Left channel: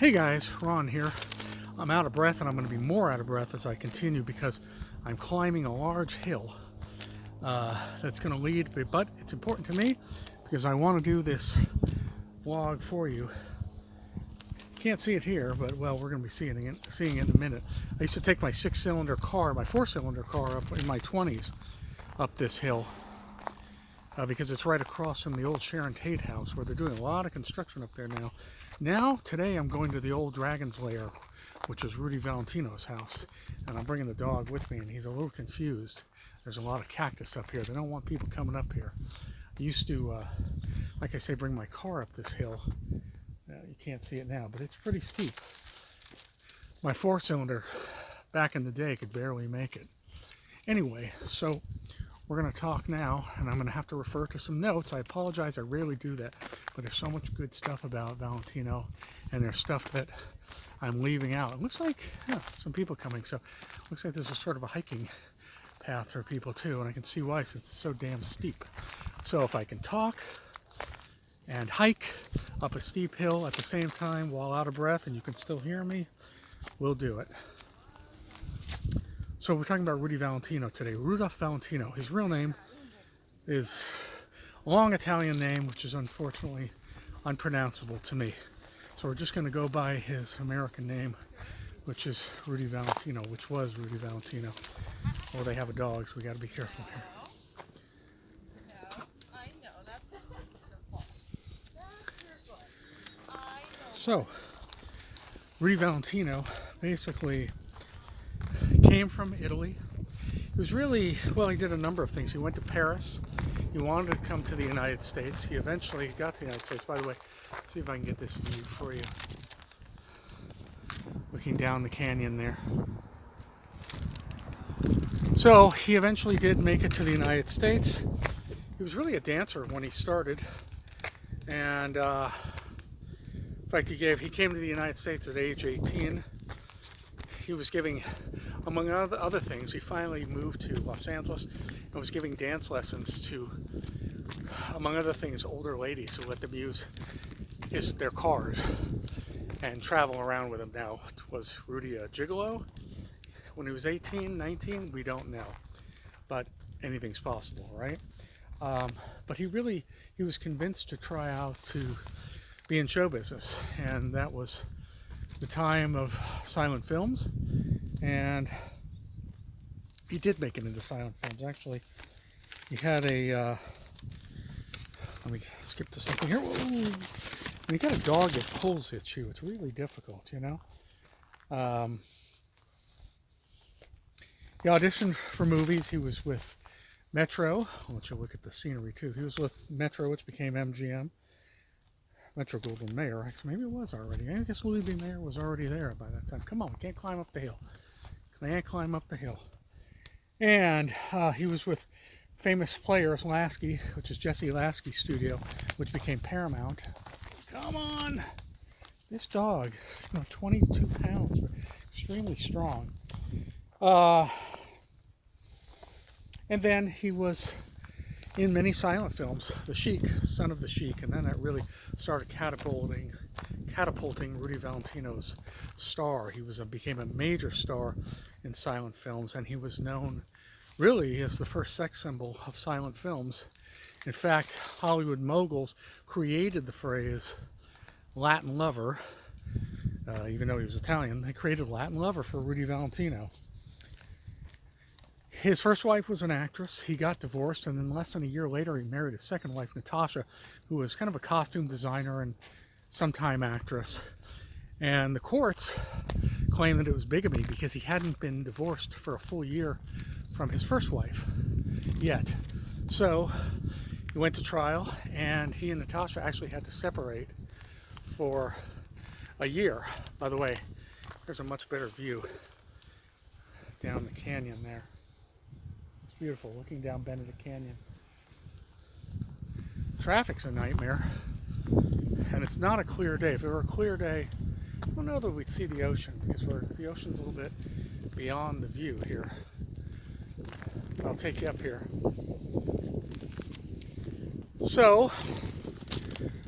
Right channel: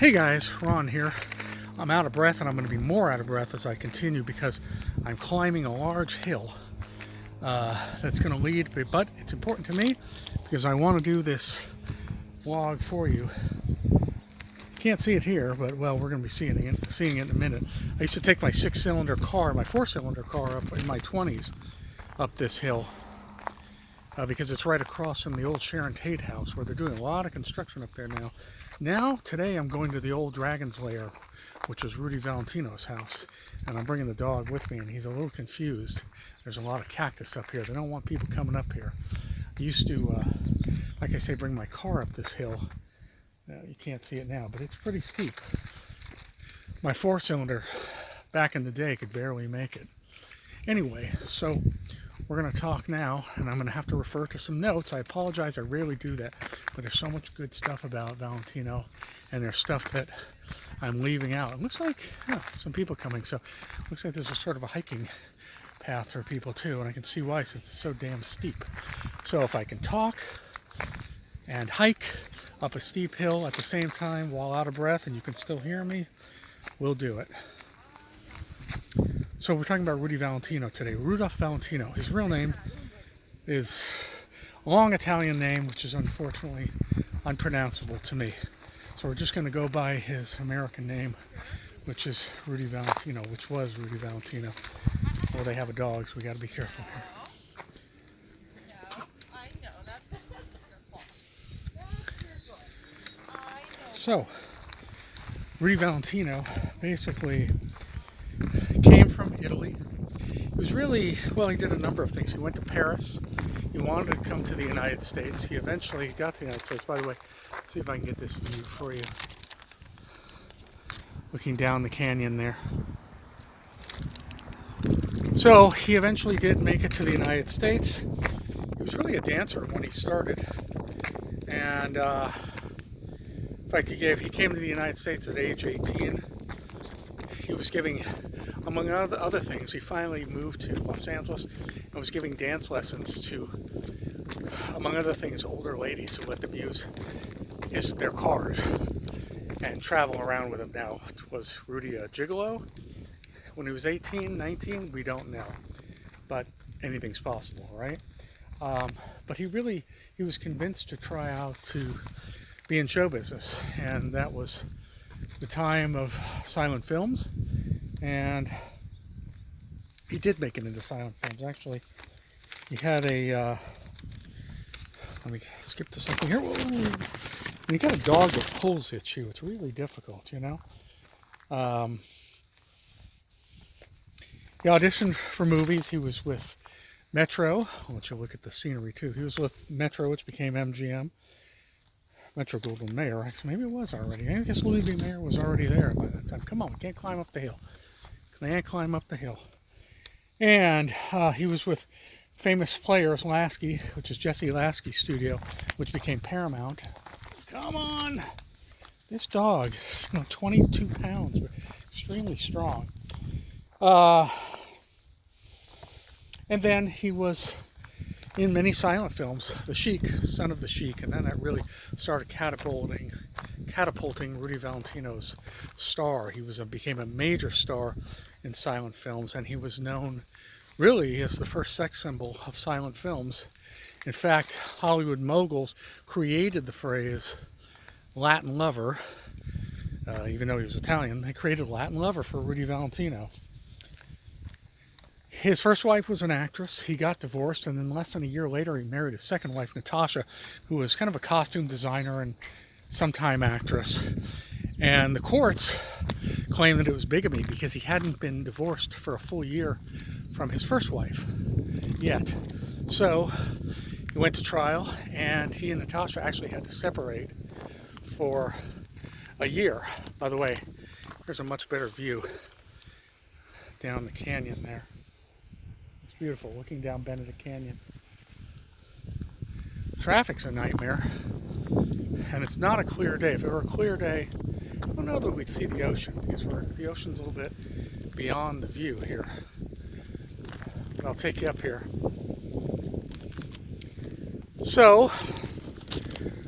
Hey guys, Ron here. I'm out of breath and I'm going to be more out of breath as I continue because I'm climbing a large hill that's going to lead, but it's important to me because I want to do this vlog for you. Can't see it here, but well, we're going to be seeing it in a minute. I used to take my 6-cylinder car, my 4-cylinder car up in my 20s up this hill because it's right across from the old Sharon Tate house where they're doing a lot of construction up there now. Today I'm going to the old Dragon's Lair, which is Rudy Valentino's house, and I'm bringing the dog with me, and he's a little confused. There's a lot of cactus up here. They don't want people coming up here. I used to, like I say, bring my car up this hill. You can't see it now, but it's pretty steep. My 4-cylinder back in the day could barely make it. Anyway, so we're going to talk now, and I'm going to have to refer to some notes. I apologize, I rarely do that, but there's so much good stuff about Valentino, and there's stuff that I'm leaving out. It looks like some people coming, so it looks like this is sort of a hiking path for people too, and I can see why, since it's so damn steep. So if I can talk and hike up a steep hill at the same time while out of breath and you can still hear me, we'll do it. So we're talking about Rudy Valentino today. Rudolph Valentino. His real name is a long Italian name, which is unfortunately unpronounceable to me. So we're just going to go by his American name, which is Rudy Valentino, which was Rudy Valentino. Well, they have a dog, so we got to be careful here. So, Rudy Valentino basically came from Italy. He was really, well, he did a number of things. He went to Paris. He wanted to come to the United States. He eventually got to the United States. By the way, let's see if I can get this view for you. Looking down the canyon there. So he eventually did make it to the United States. He was really a dancer when he started. And in fact, he came to the United States at age 18. He was giving, among other things, he finally moved to Los Angeles and was giving dance lessons to, among other things, older ladies who let them use their cars and travel around with them. Now, was Rudy a gigolo when he was 18, 19? We don't know, but anything's possible, right? But he was convinced to try out to be in show business, and that was the time of silent films, and he did make it into silent films. Actually, he had a let me skip to something here. Whoa. When you got a dog that pulls at you, it's really difficult, you know. He auditioned for movies. He was with Metro. I'll let you look at the scenery too. He was with Metro, which became MGM. Metro Goldwyn Mayer. Maybe it was already. I guess Louis B. Mayer was already there by that time. Come on, we can't climb up the hill. Can't climb up the hill. And he was with famous players, Lasky, which is Jesse Lasky's studio, which became Paramount. Come on! This dog is 22 pounds, but extremely strong. And then he was in many silent films, The Sheik, Son of the Sheik, and then that really started catapulting Rudy Valentino's star. He became a major star in silent films, and he was known really as the first sex symbol of silent films. In fact, Hollywood moguls created the phrase Latin lover, even though he was Italian. They created Latin lover for Rudy Valentino. His first wife was an actress. He got divorced, and then less than a year later, he married his second wife, Natasha, who was kind of a costume designer and sometime actress. And the courts claimed that it was bigamy because he hadn't been divorced for a full year from his first wife yet. So he went to trial, and he and Natasha actually had to separate for a year. By the way, here's a much better view down the canyon there. Beautiful, looking down Benedict Canyon. Traffic's a nightmare, and it's not a clear day. If it were a clear day, I don't know that we'd see the ocean, because the ocean's a little bit beyond the view here. I'll take you up here. So,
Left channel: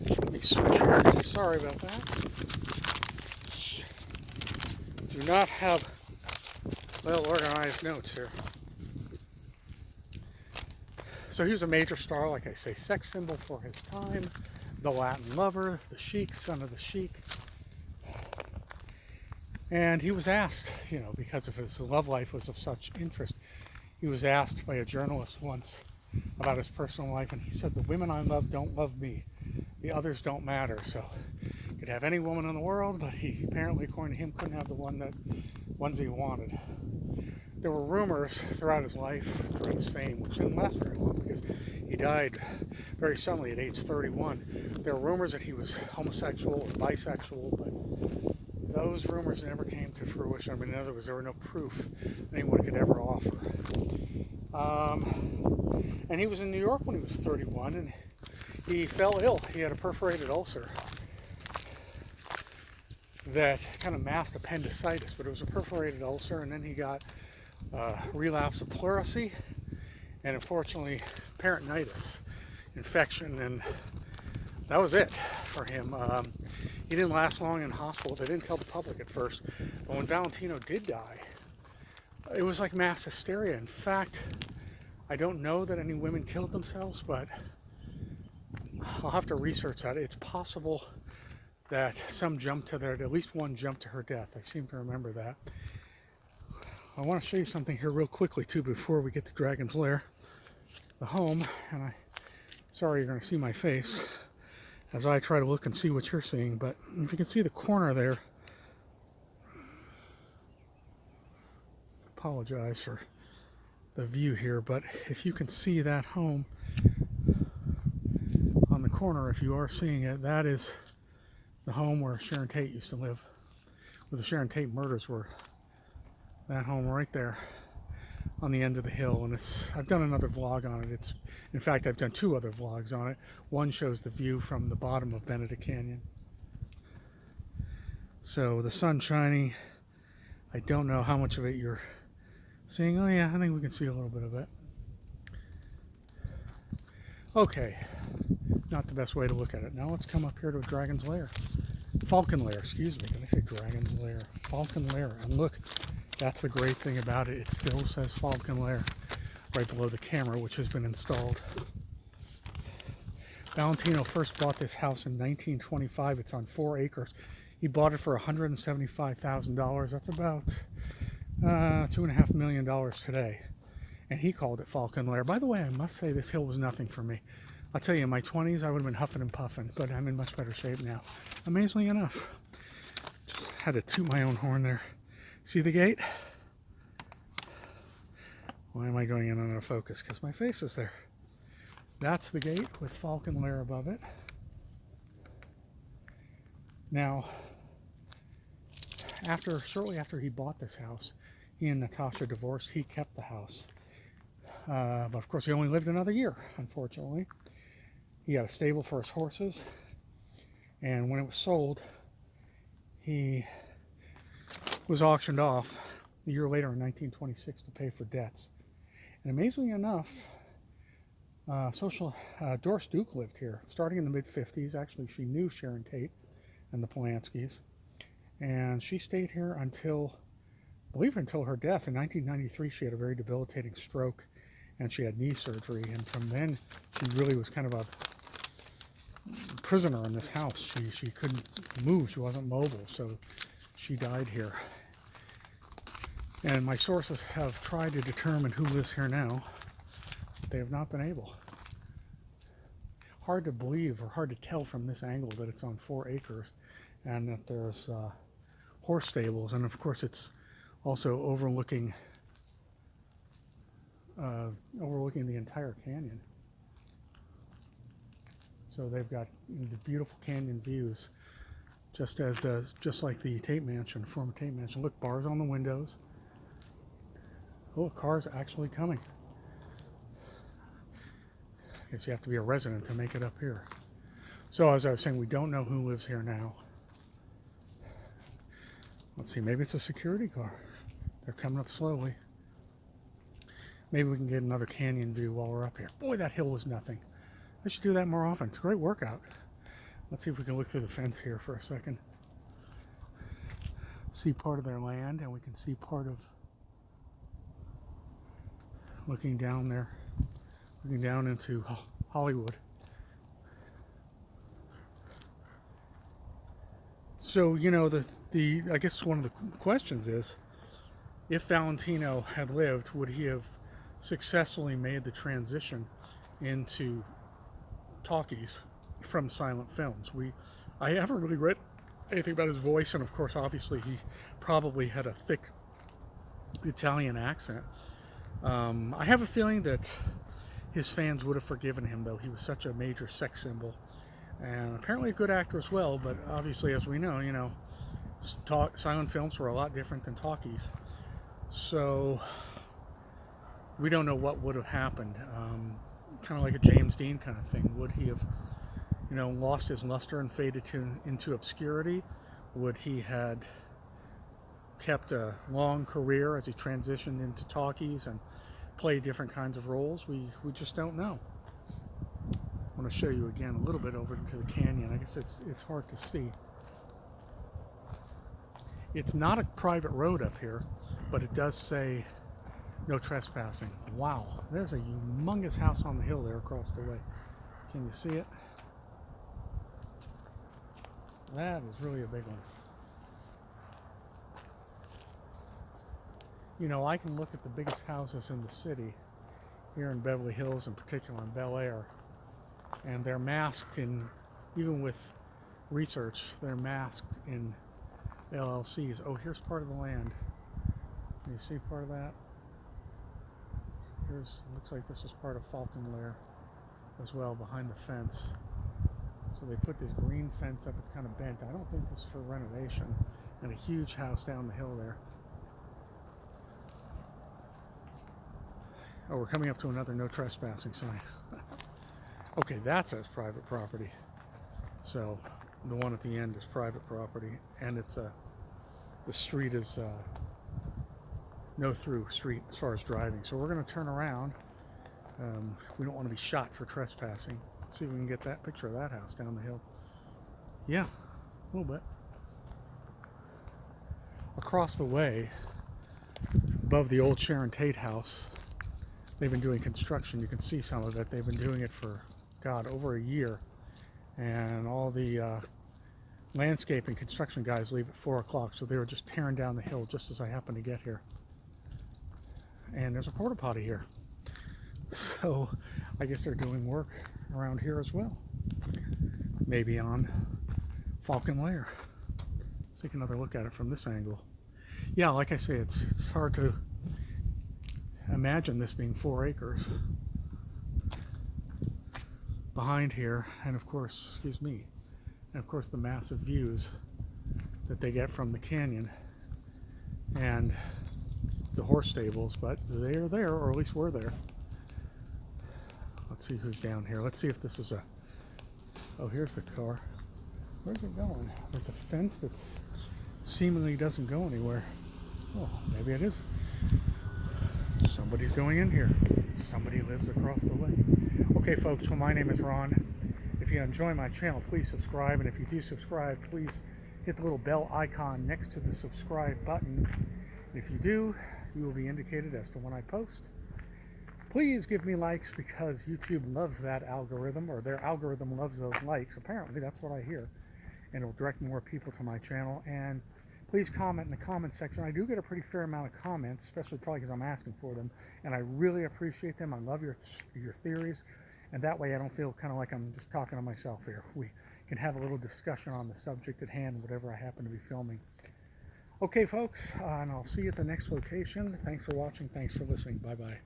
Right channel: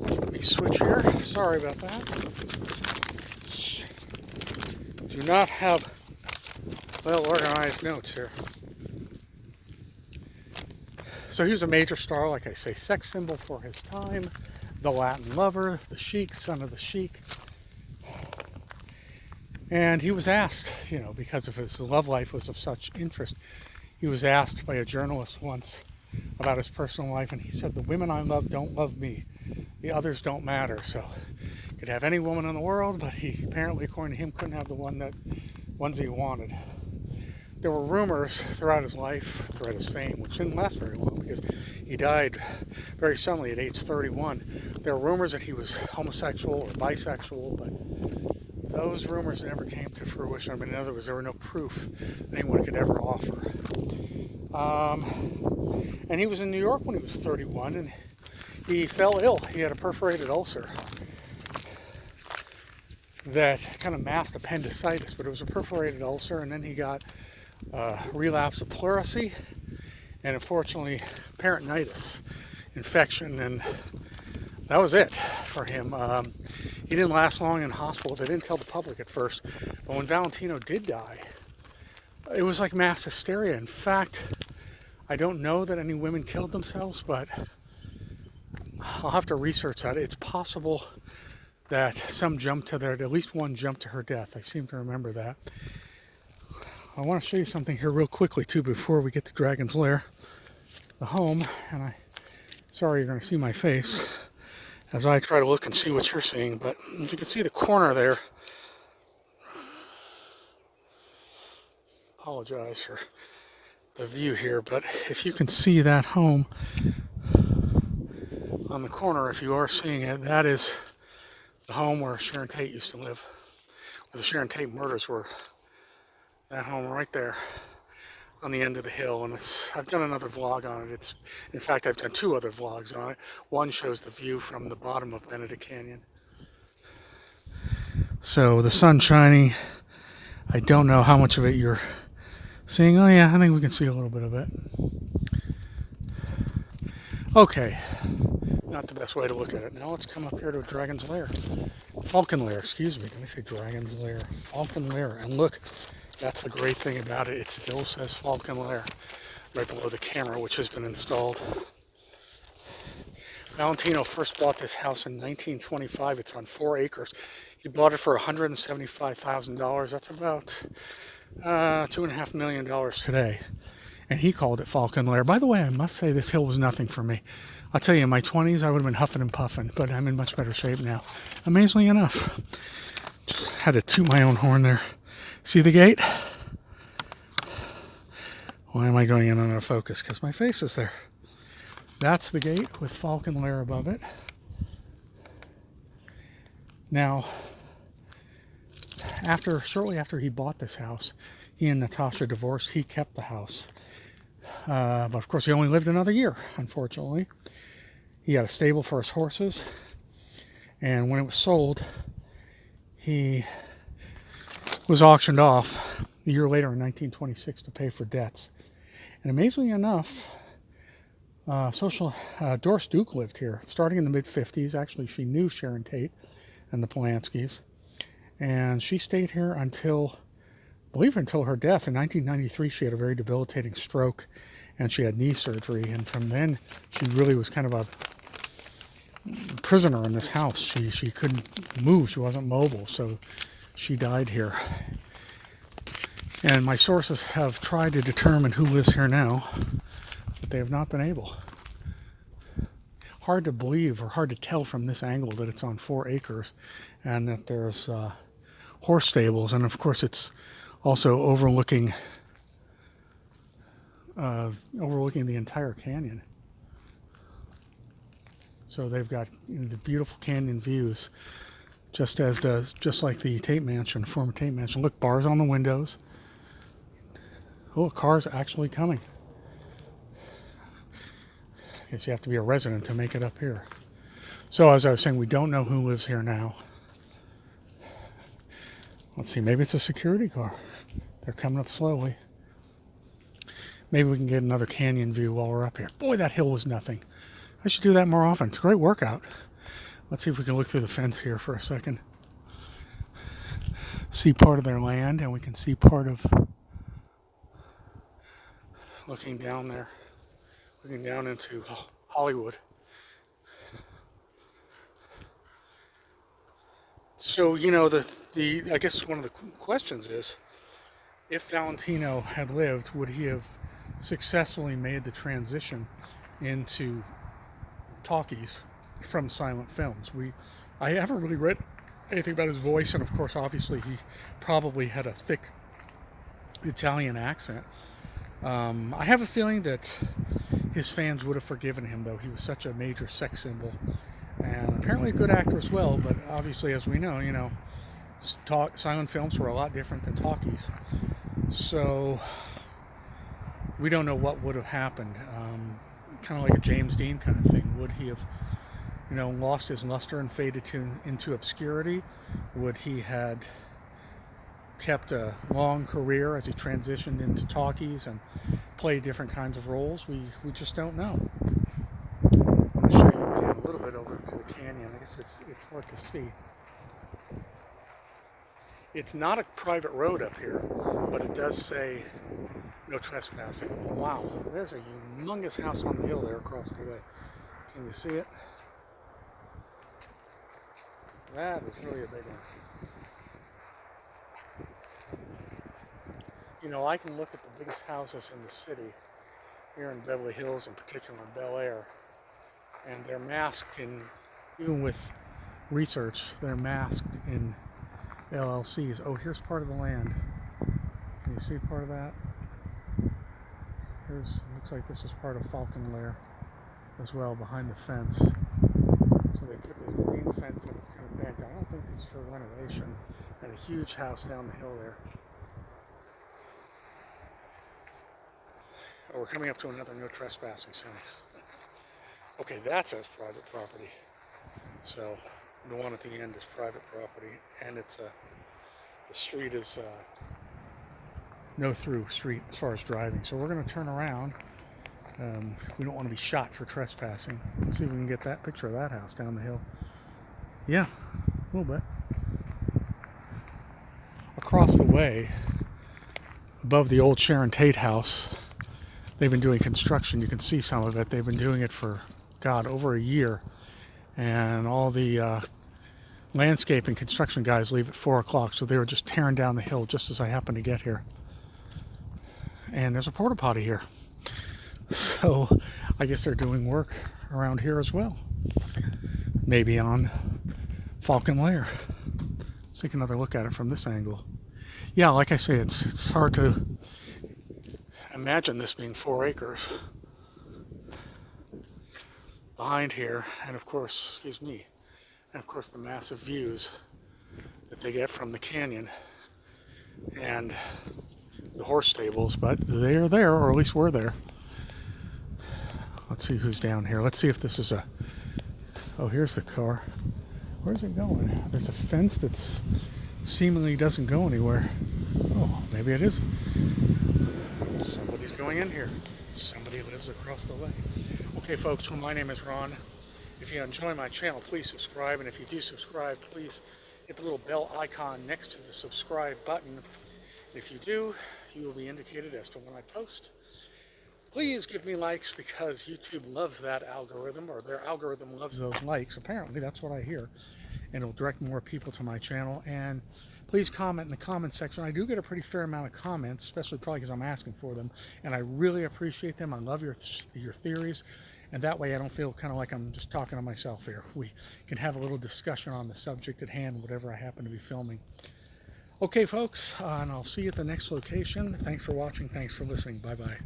let me switch here. Sorry about that. do not have well organized notes here. So he was a major star, like I say, sex symbol for his time, the Latin lover, the sheik, son of the sheik. And he was asked, because of his love life was of such interest, he was asked by a journalist once about his personal life, and he said, "The women I love don't love me. The others don't matter." So he could have any woman in the world, but he apparently, according to him, couldn't have the ones he wanted. There were rumors throughout his life, throughout his fame, which didn't last very long because he died very suddenly at age 31. There were rumors that he was homosexual or bisexual, but those rumors never came to fruition. I mean, in other words, there were no proof anyone could ever offer. And he was in New York when he was 31, and he fell ill. He had a perforated ulcer that kind of masked appendicitis, but it was a perforated ulcer, and then he got relapse of pleurisy, and unfortunately peritonitis infection, and that was it for him. He didn't last long in hospital. They didn't tell the public at first, but when Valentino did die, it was like mass hysteria. In fact, I don't know that any women killed themselves, but I'll have to research that. It's possible that some jumped to at least one jumped to her death. I seem to remember that. I want to show you something here real quickly too before we get to Dragon's Lair, the home, and sorry you're going to see my face as I try to look and see what you're seeing, but if you can see the corner there, apologize for the view here, but if you can see that home on the corner, if you are seeing it, that is the home where Sharon Tate used to live, where the Sharon Tate murders were. That home right there on the end of the hill, and I've done another vlog on it. In fact, I've done 2 other vlogs on it. One shows the view from the bottom of Benedict Canyon. So the sun shining, I don't know how much of it you're seeing. Oh yeah, I think we can see a little bit of it. Okay, not the best way to look at it. Now let's come up here to Dragon's Lair. Falcon Lair, excuse me. Did I say Dragon's Lair? Falcon Lair. And look, that's the great thing about it. It still says Falcon Lair right below the camera, which has been installed. Valentino first bought this house in 1925. It's on 4 acres. He bought it for $175,000. That's about $2.5 million today. And he called it Falcon Lair. By the way, I must say this hill was nothing for me. I'll tell you, in my 20s, I would have been huffing and puffing, but I'm in much better shape now. Amazingly enough. Just had to toot my own horn there. See the gate? Why am I going in on a focus? Because my face is there. That's the gate with Falcon Lair above it. Now, shortly after he bought this house, he and Natasha divorced. He kept the house. But of course, he only lived another year, unfortunately. He had a stable for his horses. And when it was sold, he was auctioned off a year later in 1926 to pay for debts. And amazingly enough, Doris Duke lived here starting in the mid-50s. Actually, she knew Sharon Tate and the Polanskis. And she stayed here until her death. In 1993, she had a very debilitating stroke and she had knee surgery. And from then, she really was kind of a prisoner in this house. She couldn't move. She wasn't mobile. So she died here. And my sources have tried to determine who lives here now, but they have not been able. Hard to believe or hard to tell from this angle that it's on 4 acres and that there's horse stables. And of course, it's also overlooking the entire canyon. So they've got the beautiful canyon views, just like the Tate Mansion, former Tate Mansion. Look, bars on the windows. Oh, a car's actually coming. I guess you have to be a resident to make it up here. So as I was saying, we don't know who lives here now. Let's see, maybe it's a security car. They're coming up slowly. Maybe we can get another canyon view while we're up here. Boy, that hill was nothing. I should do that more often. It's a great workout. Let's see if we can look through the fence here for a second. see part of their land, and we can see part of, looking down there, looking down into Hollywood. So, you know, I guess one of the questions is, if Valentino had lived, would he have successfully made the transition into talkies from silent films? I haven't really read anything about his voice, and of course, obviously, he probably had a thick Italian accent. I have a feeling that his fans would have forgiven him, though. He was such a major sex symbol, and apparently a good actor as well. But obviously, as we know, you know, silent films were a lot different than talkies. So we don't know what would have happened. Kind of like a James Dean kind of thing. Would he have, you know, lost his luster and faded into obscurity? Would he had kept a long career as he transitioned into talkies and played different kinds of roles? We just don't know. Let me show you again a little bit over to the canyon. I guess it's hard to see. It's not a private road up here, but it does say no trespassing. Wow, there's a humongous house on the hill there across the way. Can you see it? That is really a big one. You know, I can look at the biggest houses in the city, here in Beverly Hills, in particular in Bel Air, and they're masked in, even with research, they're masked in LLCs. Oh, here's part of the land. Can you see part of that? Looks like this is part of Falcon Lair as well, behind the fence. So they put this green fence up. It's kind of bent. I don't think this is for renovation. And a huge house down the hill there. Oh, we're coming up to another no trespassing sign. Okay, that says private property. So the one at the end is private property, and it's the street is no through street as far as driving. So we're going to turn around. We don't want to be shot for trespassing. Let's see if we can get that picture of that house down the hill. Yeah, a little bit. Across the way, above the old Sharon Tate house, they've been doing construction. You can see some of it. They've been doing it for, God, over a year. And all the landscape and construction guys leave at 4 o'clock, so they were just tearing down the hill just as I happened to get here. And there's a porta potty here. So I guess they're doing work around here as well. Maybe on Falcon Lair. Let's take another look at it from this angle. Yeah, like I say, it's hard to imagine this being 4 acres. Behind here, and of course, excuse me, and of course the massive views that they get from the canyon and the horse stables, but they're there, or at least we're there. Let's see who's down here. Let's see if this is oh, here's the car. Where's it going? There's a fence that's seemingly doesn't go anywhere. Oh, maybe it is. Somebody's going in here. Somebody lives across the way. Okay, folks, well, my name is Ron. If you enjoy my channel, please subscribe. And if you do subscribe, please hit the little bell icon next to the subscribe button. If you do, you will be indicated as to when I post. Please give me likes, because YouTube loves that algorithm, or their algorithm loves those likes. Apparently, that's what I hear. And it'll direct more people to my channel. And please comment in the comment section. I do get a pretty fair amount of comments, especially probably because I'm asking for them. And I really appreciate them. I love your theories. And that way I don't feel kind of like I'm just talking to myself here. We can have a little discussion on the subject at hand, whatever I happen to be filming. Okay, folks, and I'll see you at the next location. Thanks for watching. Thanks for listening. Bye-bye.